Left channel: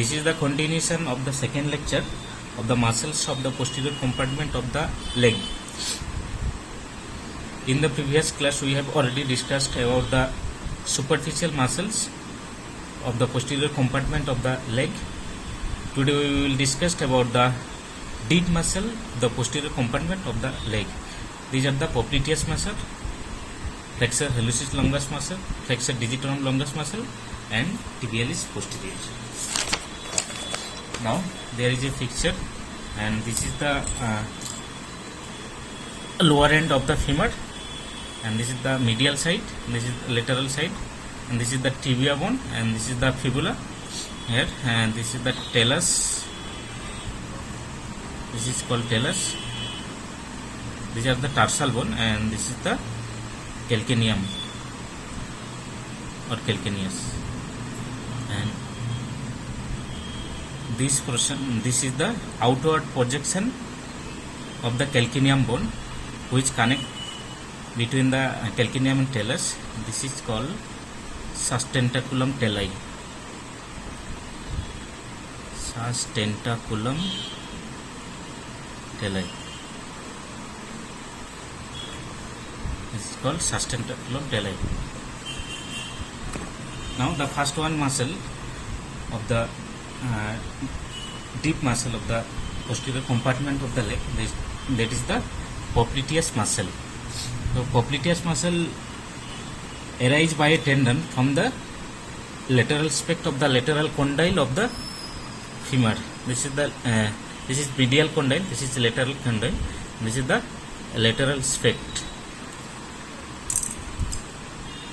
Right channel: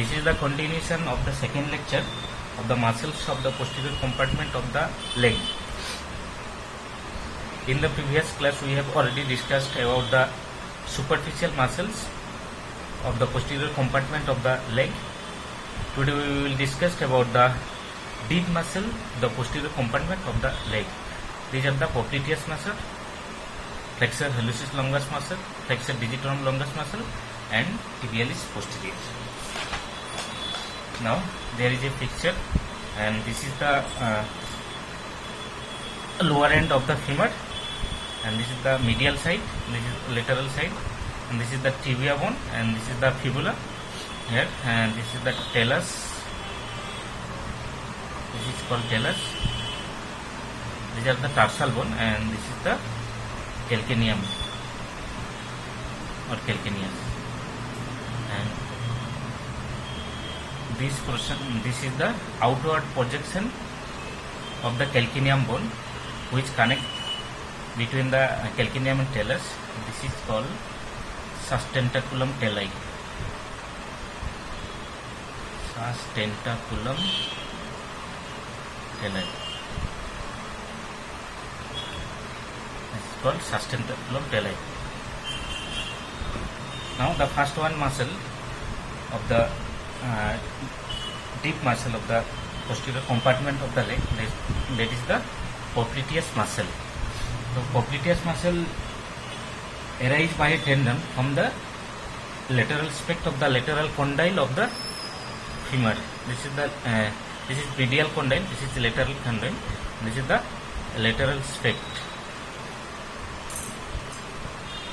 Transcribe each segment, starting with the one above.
This is the continuation of the second lecture of the muscles of the posterior compartment of the leg. In the previous class we have already discussed about the superficial muscles of the posterior compartment of the leg. Today we will discuss about the deep muscle, the posterior compartment of the leg. These are the popliteus muscle, flexor hallucis longus muscle, flexor digitorum longus muscle, and tibialis posterior. Now there is a picture, and this is the lower end of the femur, and this is the medial side, and this is lateral side, and this is the tibia bone, and this is the fibula here, and this is the talus. This is called talus. These are the tarsal bone, and this is the calcaneum or calcaneus. And this portion, this is the outward projection of the calcaneum bone, which connect between the calcaneum and talus. This is called sustentaculum talli. Sustentaculum talli. This is called sustentaculum talli. Now the first one muscle of the deep muscle of the posterior compartment of the leg, that is the popliteus muscle. So popliteus muscle arises by a tendon from the lateral spect of the lateral condyle of the femur. This is the this is medial condyle, this is the lateral condyle, this is the lateral spect.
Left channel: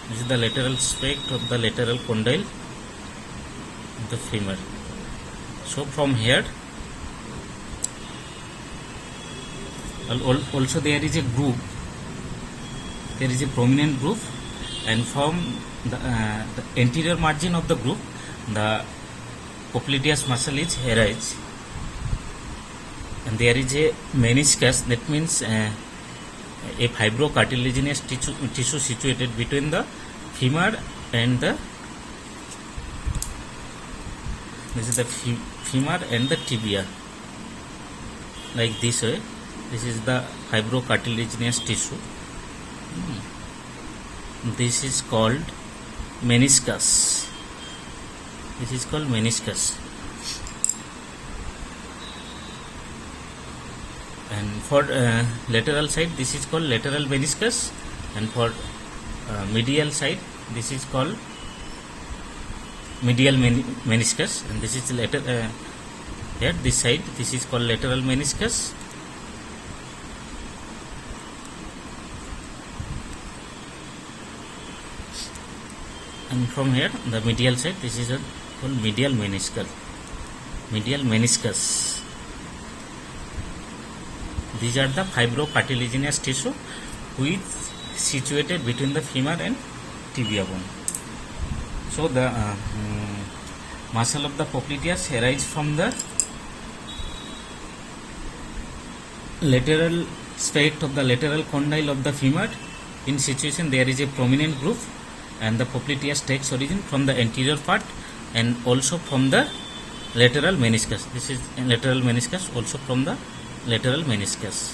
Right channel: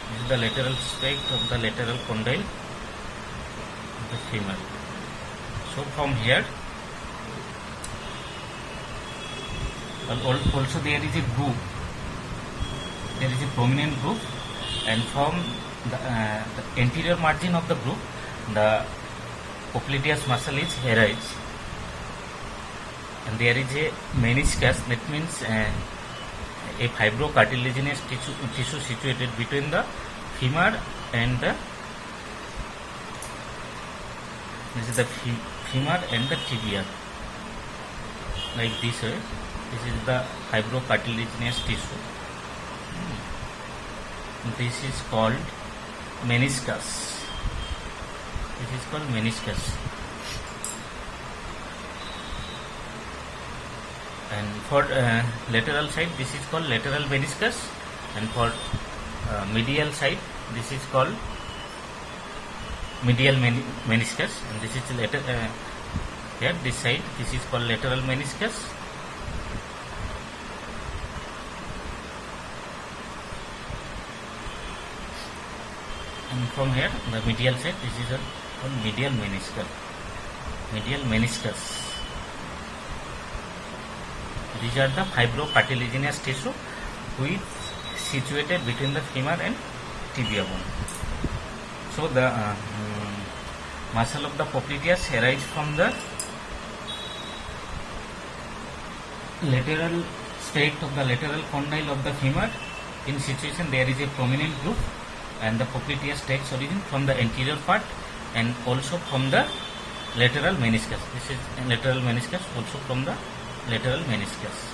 This is the lateral spect of the lateral condyle of the femur. So from here also there is a groove, there is a prominent groove, and from the anterior margin of the groove the popliteus muscle is arise, and there is a meniscus, that means a fibrocartilaginous tissue situated between the femur and the femur and the tibia, like this way. This is the fibrocartilaginous tissue. This is called meniscus. This is called meniscus. And for lateral side, this is called lateral meniscus, and for medial side, this is called medial meniscus, and this is lateral here, this side, this is called lateral meniscus. And from here, the medial side, this is called medial meniscus. Medial meniscus. These are the fibrocartilaginous tissue which is situated between the femur and tibia bone. So the muscle of the popliteus arises from the lateral spect of the lateral condyle of the femur. In situation there is a prominent groove, and the popliteus takes origin from the anterior part and also from the lateral meniscus. This is lateral meniscus, also from the lateral meniscus,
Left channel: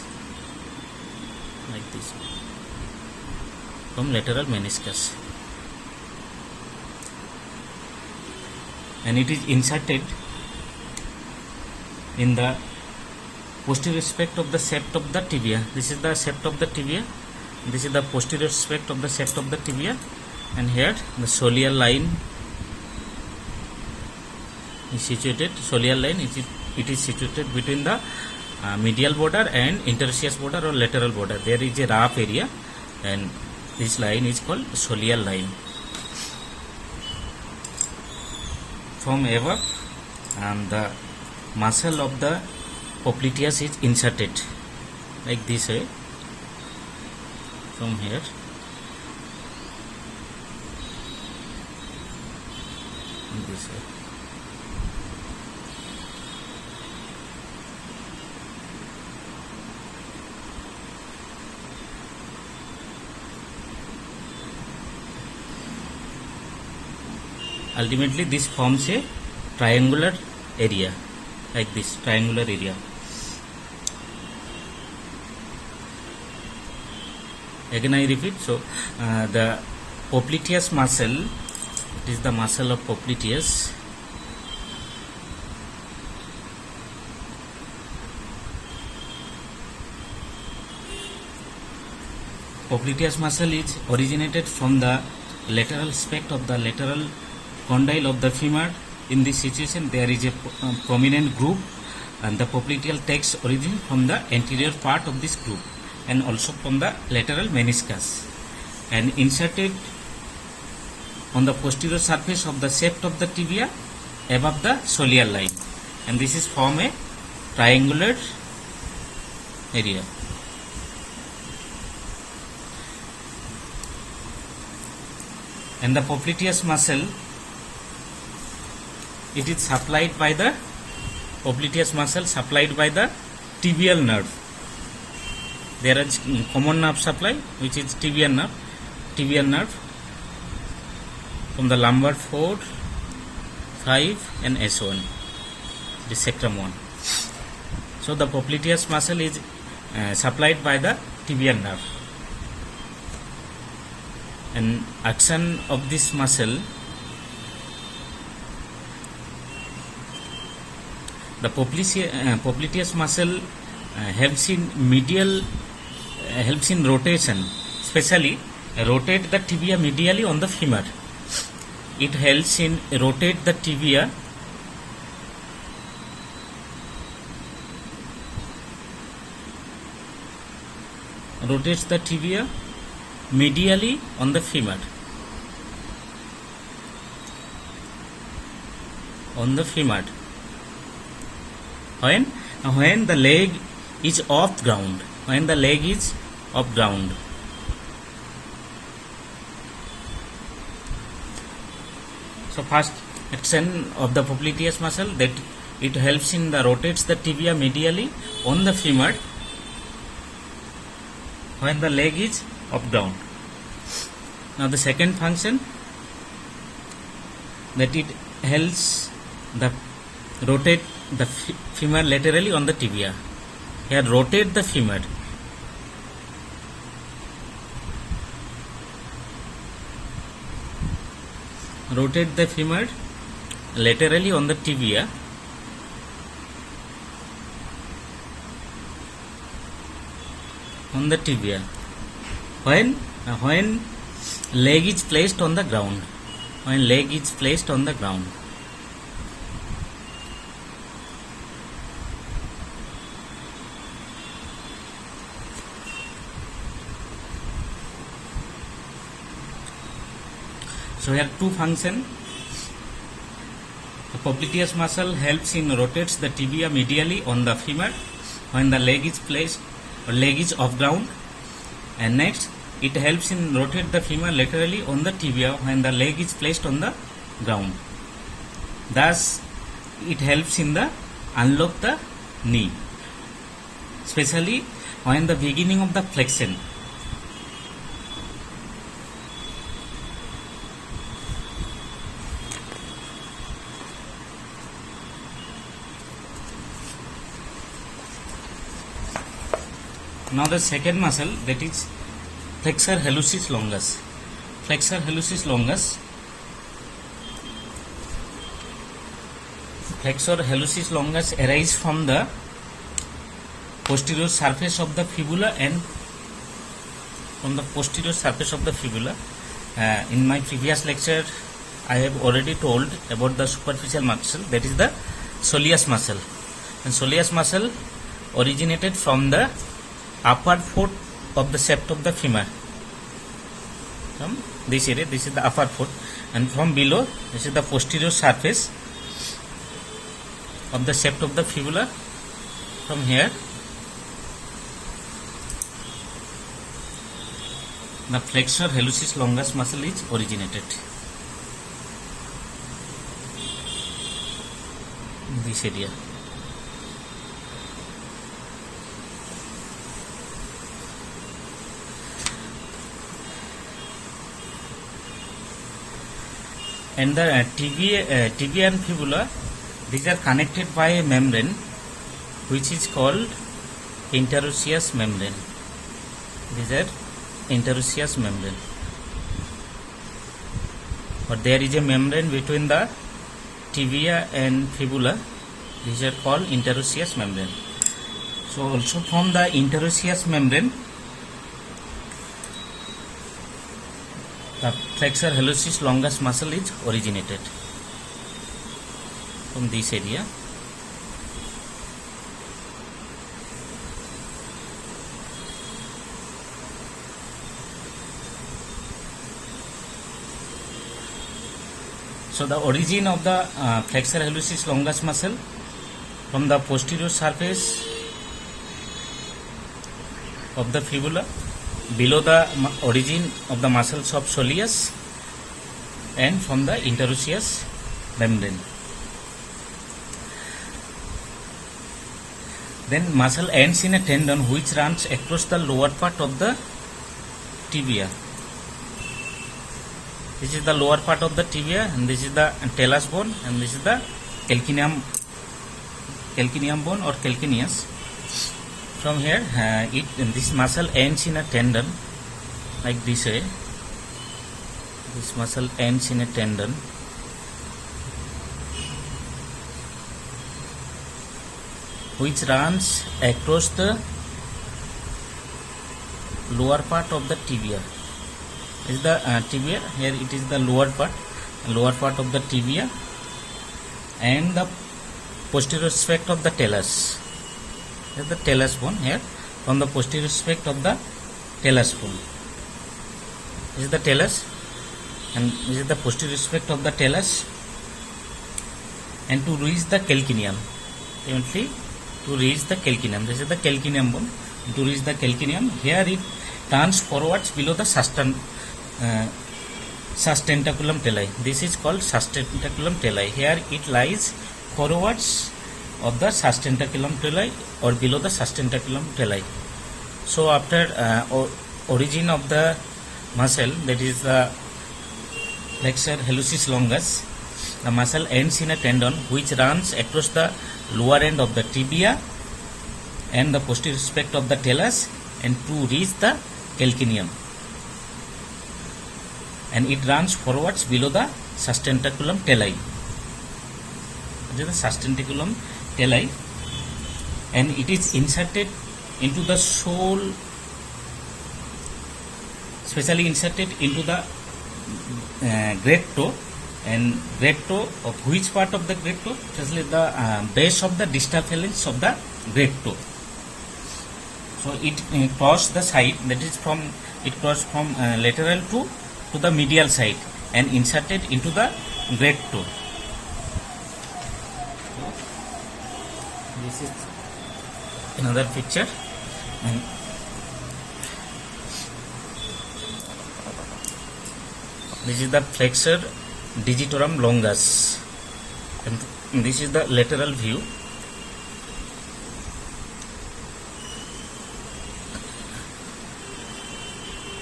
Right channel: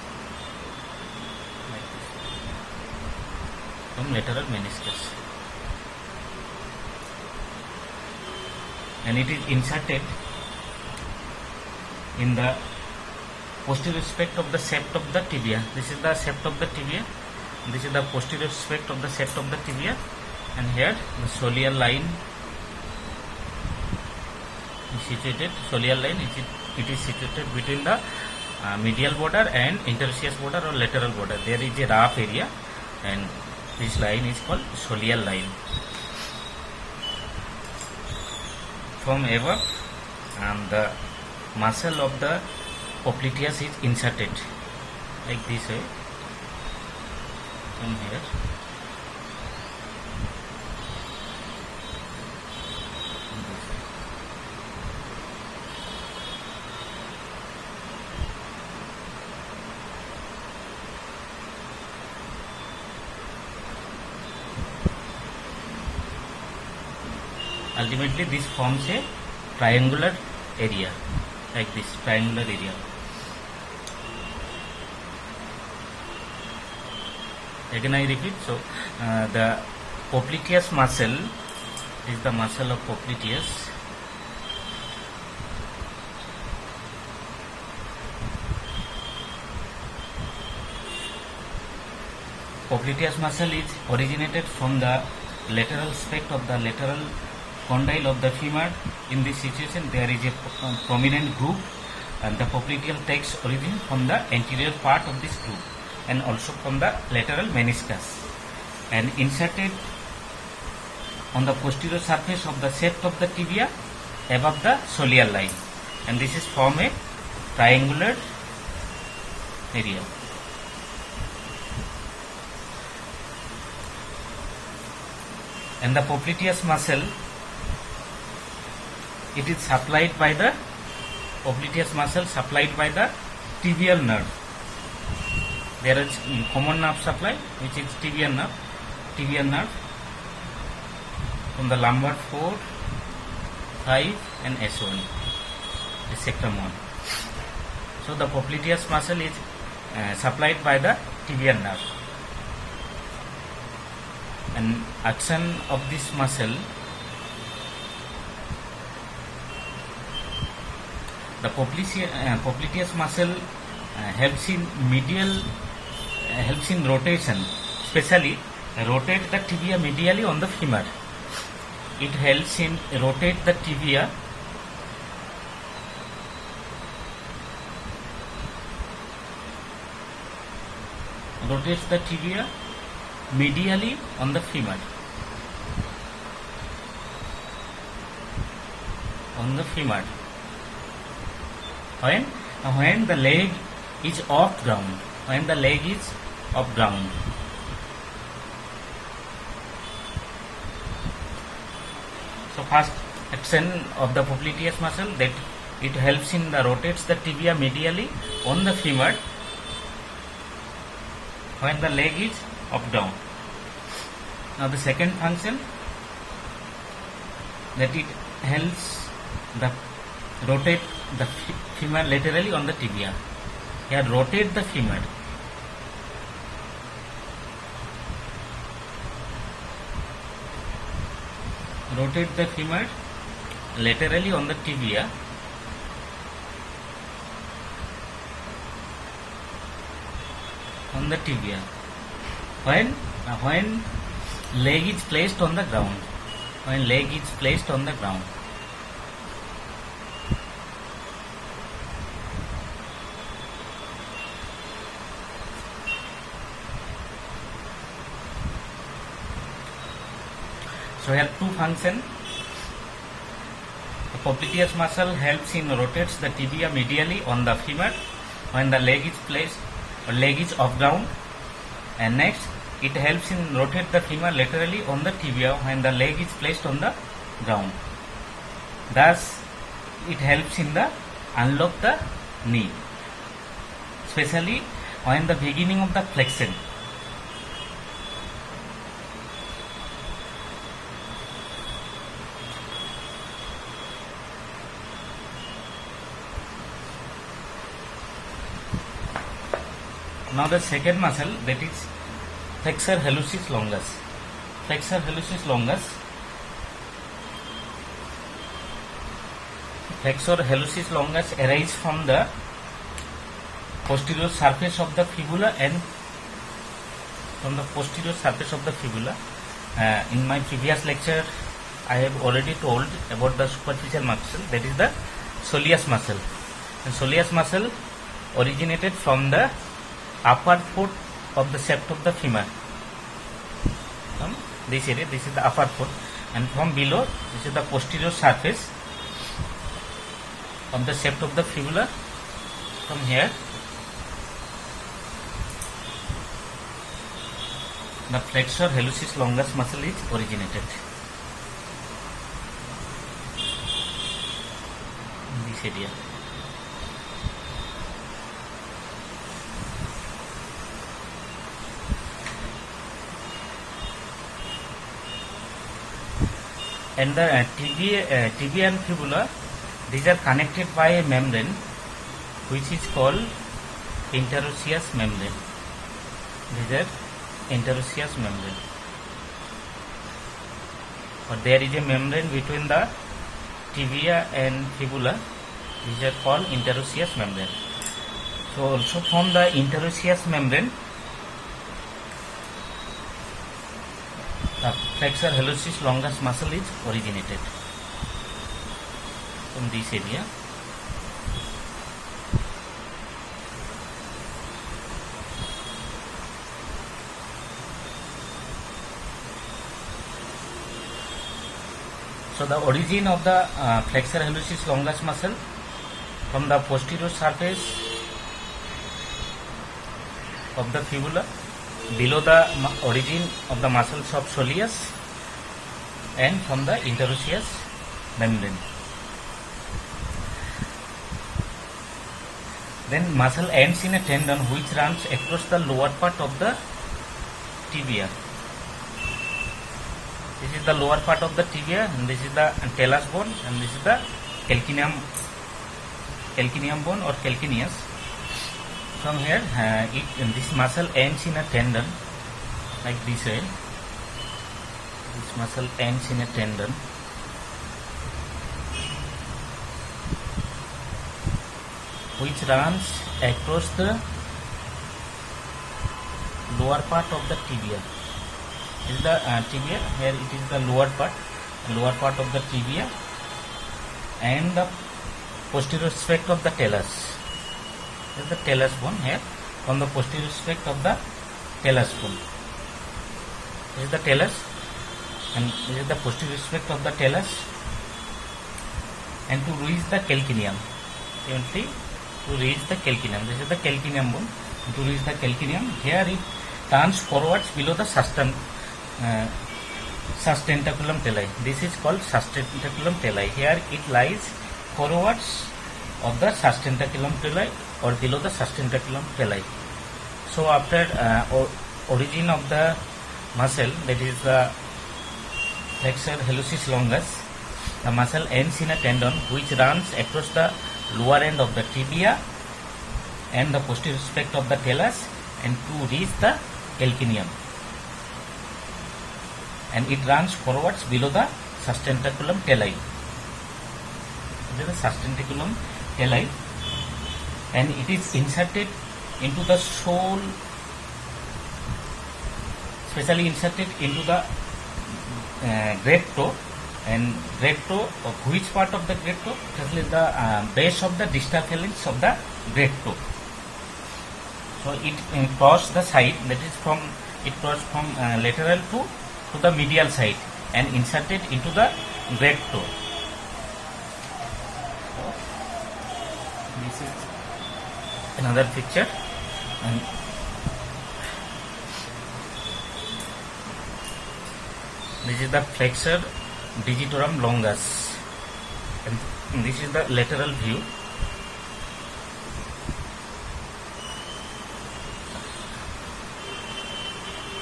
like this, from lateral meniscus, and it is inserted in the posterior spect of the sept of the tibia. This is the sept of the tibia, this is the posterior spect of the sept of the tibia, and here the soleal line is situated. Soleal line it is situated between the medial border and interosseous border or lateral border. There is a rough area, and this line is called soleal line. From above, and the muscle of the popliteus is inserted like this way, from here, this way. Ultimately this forms a triangular area, like this triangular area. Again I repeat, so the popliteus muscle is the muscle of popliteus. Popliteus muscle is originated from the lateral aspect of the lateral condyle of the femur. In this situation, there is a prominent groove, and the popliteal takes origin from the anterior part of this groove and also from the lateral meniscus, and inserted on the posterior surface of the shaft of the tibia above the soleal line, and this is from a triangular area. And the popliteus muscle, it is supplied by the popliteus muscle supplied by the tibial nerve. There is common nerve supply, which is tibial nerve from the lumbar 4, 5 and S1, the sectum 1. So the popliteus muscle is supplied by the tibial nerve, and action of this muscle, the popliteus muscle helps in rotation, especially rotate the tibia medially on the femur. It helps in rotate the tibia medially on the femur. When the leg is off ground. So first action of the popliteus muscle, that it helps in the rotates the tibia medially on the femur when the leg is up down. Now the second function, that it helps the rotate the femur laterally on the tibia. Here rotate the femur. Rotate the femur laterally on the tibia. When leg is placed on the ground. So here two functions. The popliteus muscle helps in rotates the tibia medially on the femur when the leg is placed or leg is off ground, and next it helps in rotate the femur laterally on the tibia when the leg is placed on the ground. Thus it helps in the unlock the knee, especially when the beginning of the flexion. Now the second muscle, that is flexor hallucis longus. Flexor hallucis longus arises from the posterior surface of the fibula and in my previous lecture I have already told about the superficial muscle, that is the soleus muscle. And soleus muscle originated from the upper foot of the shaft of the femur. From this area, this is the upper foot, and from below, this is the posterior surface of the shaft of the fibula. From here, the flexor hallucis longus muscle is originated in this area. And the tibia and fibula These are connected by a membrane which is called interosseous membrane. These are interosseous membrane. But there is a membrane between the tibia and fibula. These are called interosseous membrane. So also from the interosseous membrane, the flexor hallucis longus muscle is originated from this area. So the origin of the flexor hallucis longus muscle from the posterior surface of the fibula below the origin of the muscles of soleus and from the interosseous membrane. Then muscle ends in a tendon which runs across the lower part of the tibia. This is the lower part of the tibia, and this is the talus bone, and this is the calcaneum bone or calcaneus. From here, this muscle ends in a tendon like this way. This muscle ends in a tendon, which runs across the lower part of the tibia. This is the tibia. Here it is the lower part of the tibia, and the posterior aspect of the talus. This is the talus bone here. From the posterior aspect of the talus bone. This is the talus, and this is the posterior aspect of the talus. And to reach the calcaneum, eventually to reach the calcaneum. This is the calcaneum bone. To reach the calcaneum, here it turns forwards below the sustentaculum talli. This is called sustentaculum talli. Here it lies forwards of the sustentaculum talli or below the sustentaculum talli. So after origin of the muscle, that is the flexor hallucis longus, the muscle ends in a tendon which runs across the lower end of the tibia and the posterior aspect of the talus, and to reach the calcaneum, and it runs forwards below the sustentaculum talli. This is the sustentaculum talli, and it is inserted into the sole, specially inserted into the great toe. And great toe, of which part of the great toe? Especially the base of the distal phalanx of the great toe. So it crosses the side, that is it crosses from lateral to the medial side and inserted into the great toe. So this is another picture, and this is the flexor digitorum longus, and this is the lateral view.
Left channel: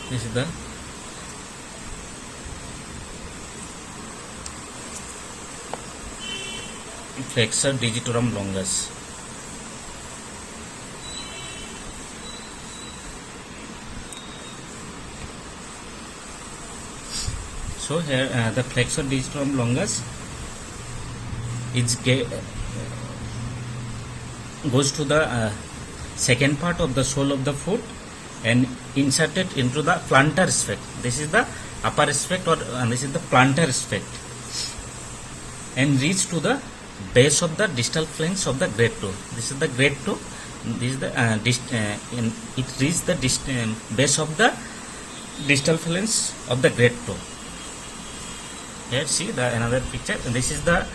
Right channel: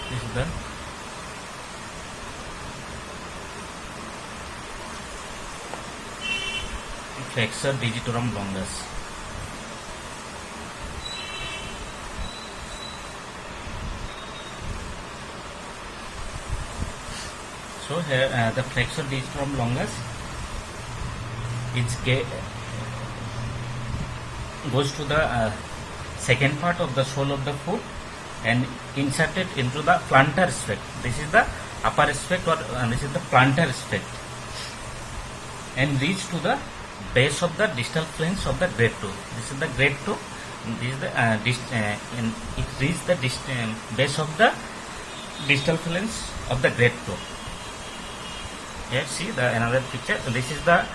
This is the flexor digitorum longus. So here the flexor digitorum longus goes to the second part of the sole of the foot and inserted into the plantar aspect. This is the upper aspect, or this is the plantar aspect, and reach to the base of the distal phalanx of the great toe. This is the great toe. This is the it reaches the base of the distal phalanx of the great toe. Here see the another picture. This is the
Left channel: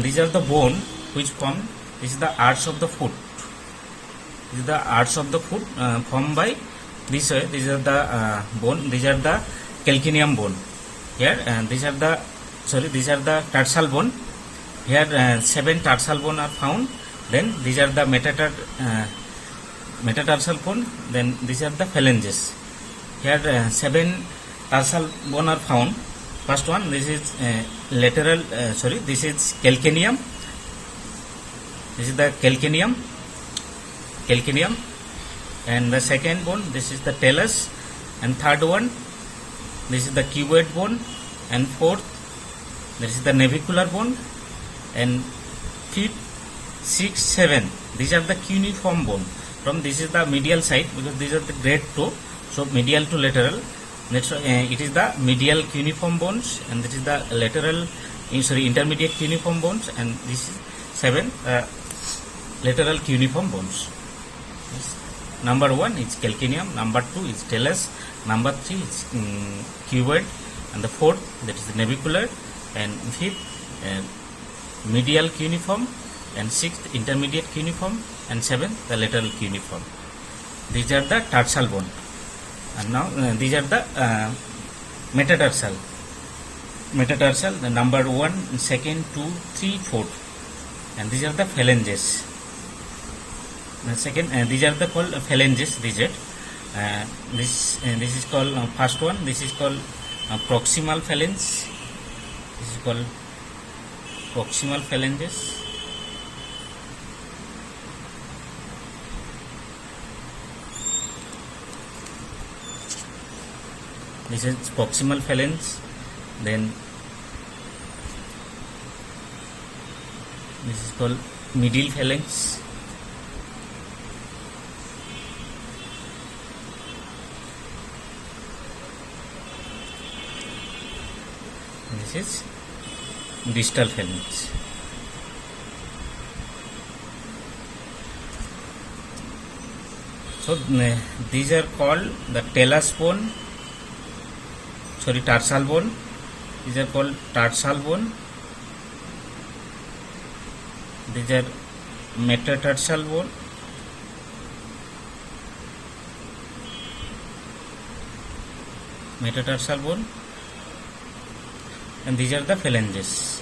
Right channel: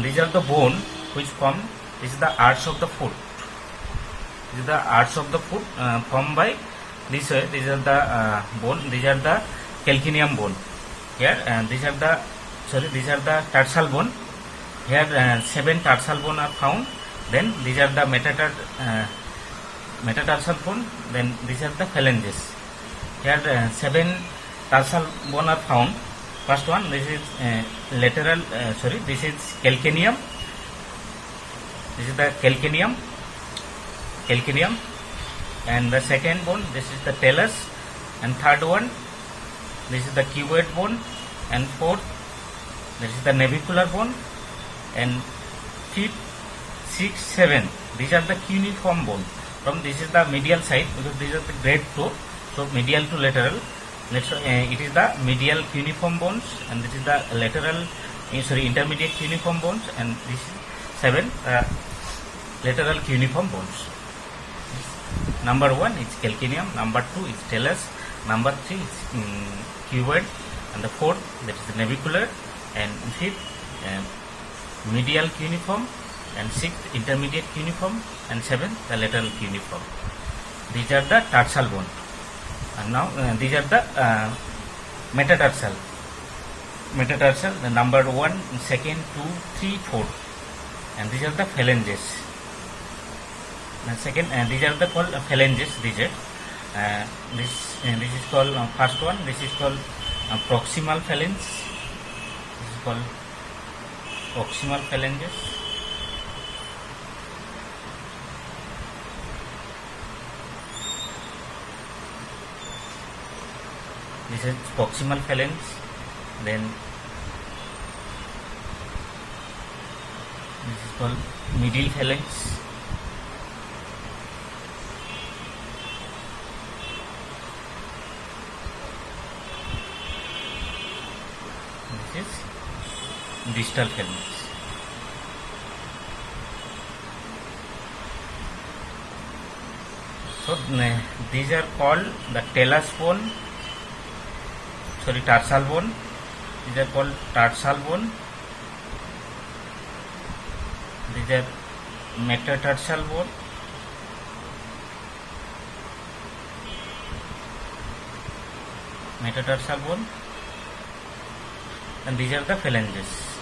these are the bone which form. This is the arch of the foot. This is the arch of the foot formed by this way. These are the bone. These are the calcaneum bone. Here these are the tarsal bone. Here 7 tarsal bone are found. Then these are the metatarsal bone. Then these are the phalanges. Here 7 tarsal bone are found. First one, this is this is calcaneum. This is the calcaneum, and the second bone, this is the talus, and third one, this is the cuboid bone, and fourth, this is the navicular bone, and fifth, 6, 7, these are the cuneiform bone. From this is the medial side, because these are the great toe, so medial to lateral. Next, it is the medial cuneiform bones, and this is the lateral, intermediate cuneiform bones, and this is 7 lateral cuneiform bones. Number 1 is calcaneum, number 2 is talus, number 3 is cuboid, and the fourth, that is the navicular, and fifth medial cuneiform, and sixth intermediate cuneiform, and seventh the lateral cuneiform. These are the tarsal bone. And now these are the metatarsal. The number 1, 2, 3, 4, and these are the phalanges. These are the called phalanges. This is called first one. This is called proximal phalanx. This is called proximal phalanges. This is proximal phalanx. Then this is called medial phalanx. This is distal phalanx. So these are called the talus bone, tarsal bone. These are called tarsal bone. These are metatarsal bone. And these are the phalanges.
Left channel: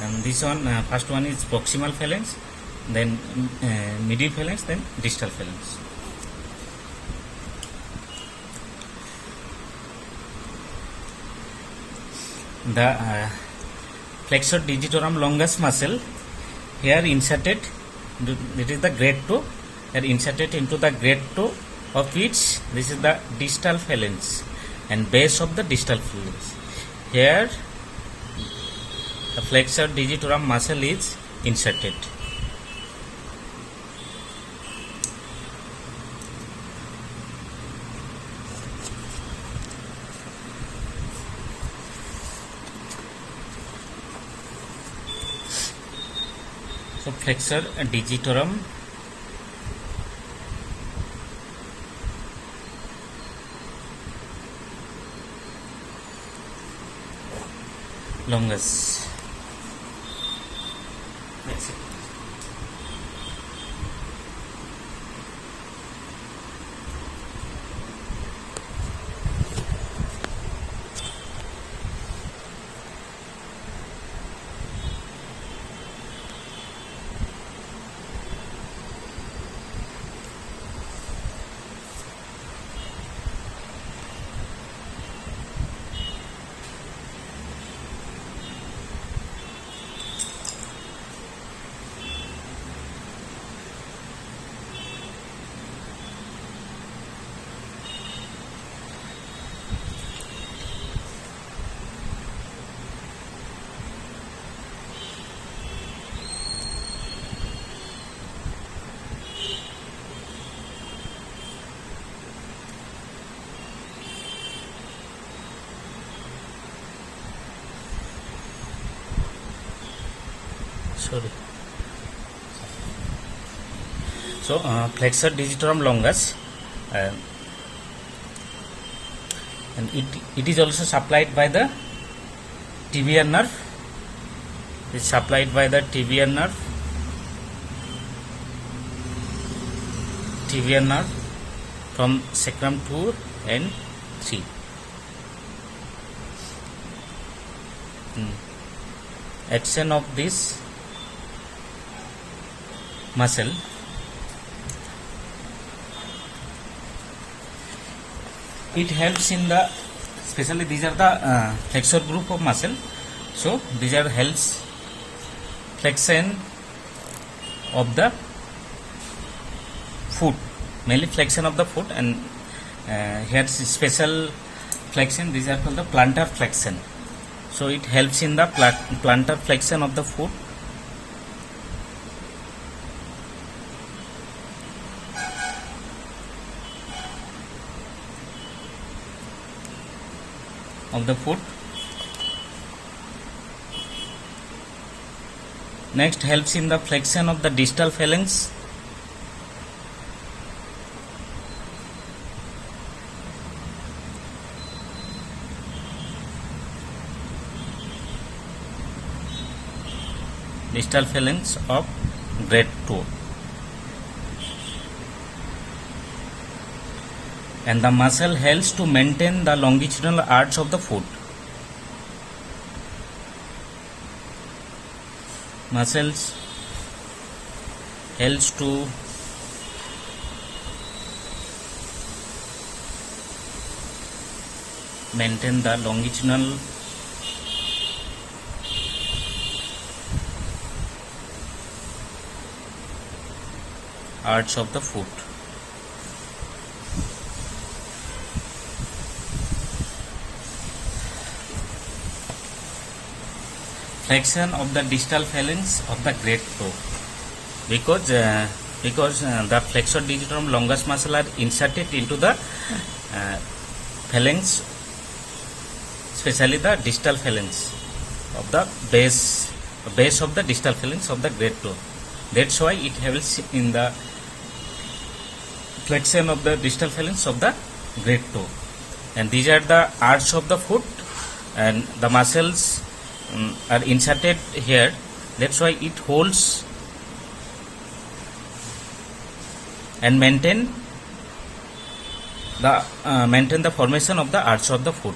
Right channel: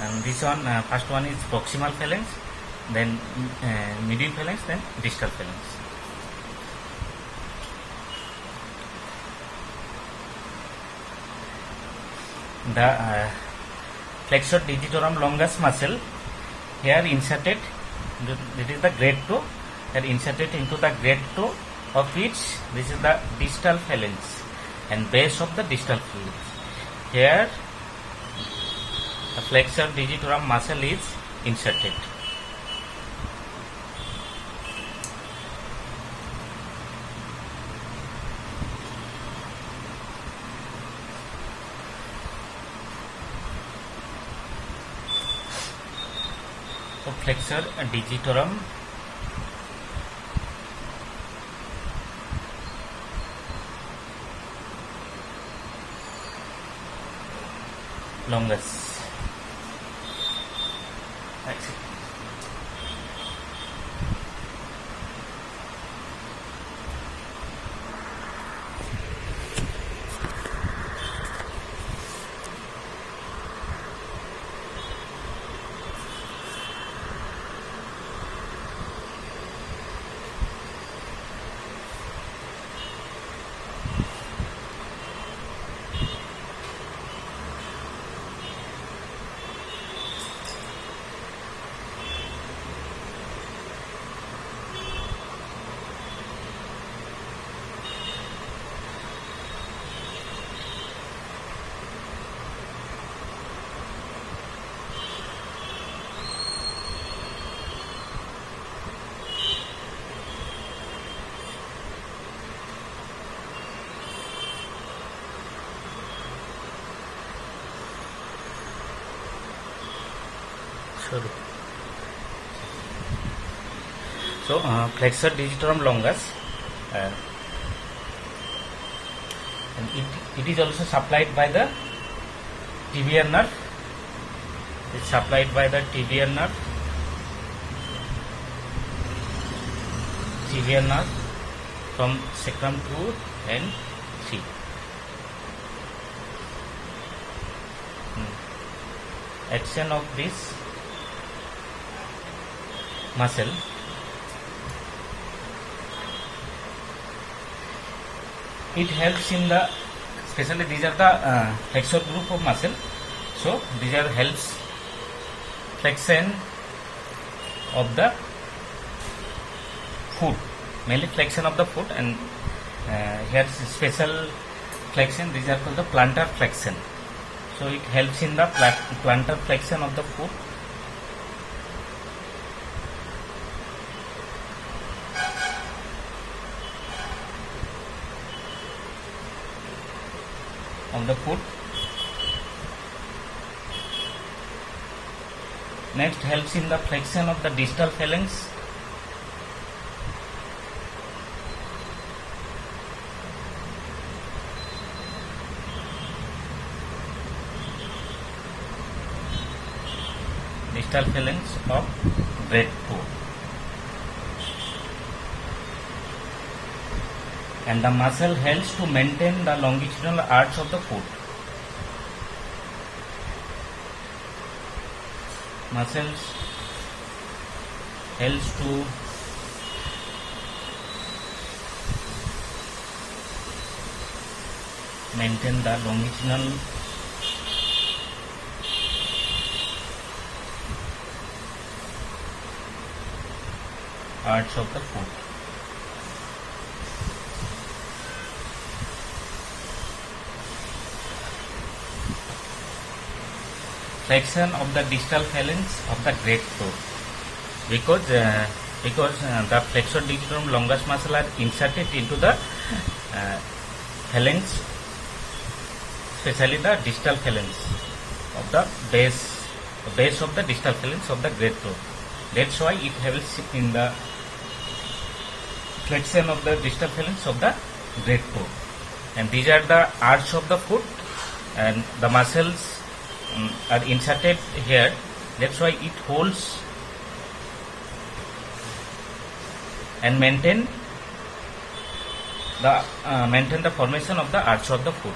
And this one, first one is proximal phalanx, then medial phalanx, then distal phalanx. The flexor digitorum longus muscle here inserted, it is the great toe, are inserted into the great toe of which this is the distal phalanx and base of the distal phalanx. Here the flexor digitorum muscle is inserted. So flexor digitorum longus. That's it. So flexor digitorum longus, and it is also supplied by the tibial nerve. It's supplied by the tibial nerve from sacrum 2 and 3. Action of this muscle it helps in the, especially these are the flexor group of muscle. So these are helps flexion of the foot, mainly flexion of the foot, and here is special flexion. These are called the plantar flexion. So it helps in the plantar flexion of the foot. Next, helps in the flexion of the distal phalanx. Distal phalanx of great toe. And the muscle helps to maintain the longitudinal arch of the foot. Muscles helps to maintain the longitudinal arch of the foot. Flexion of the distal phalanx of the great toe, because the flexor digitorum longus muscle are inserted into the phalanx, especially the distal phalanx of the base of the distal phalanx of the great toe. That's why it helps in the flexion of the distal phalanx of the great toe. And these are the arch of the foot, and the muscles are inserted here. That's why it holds and maintain the formation of the arch of the foot.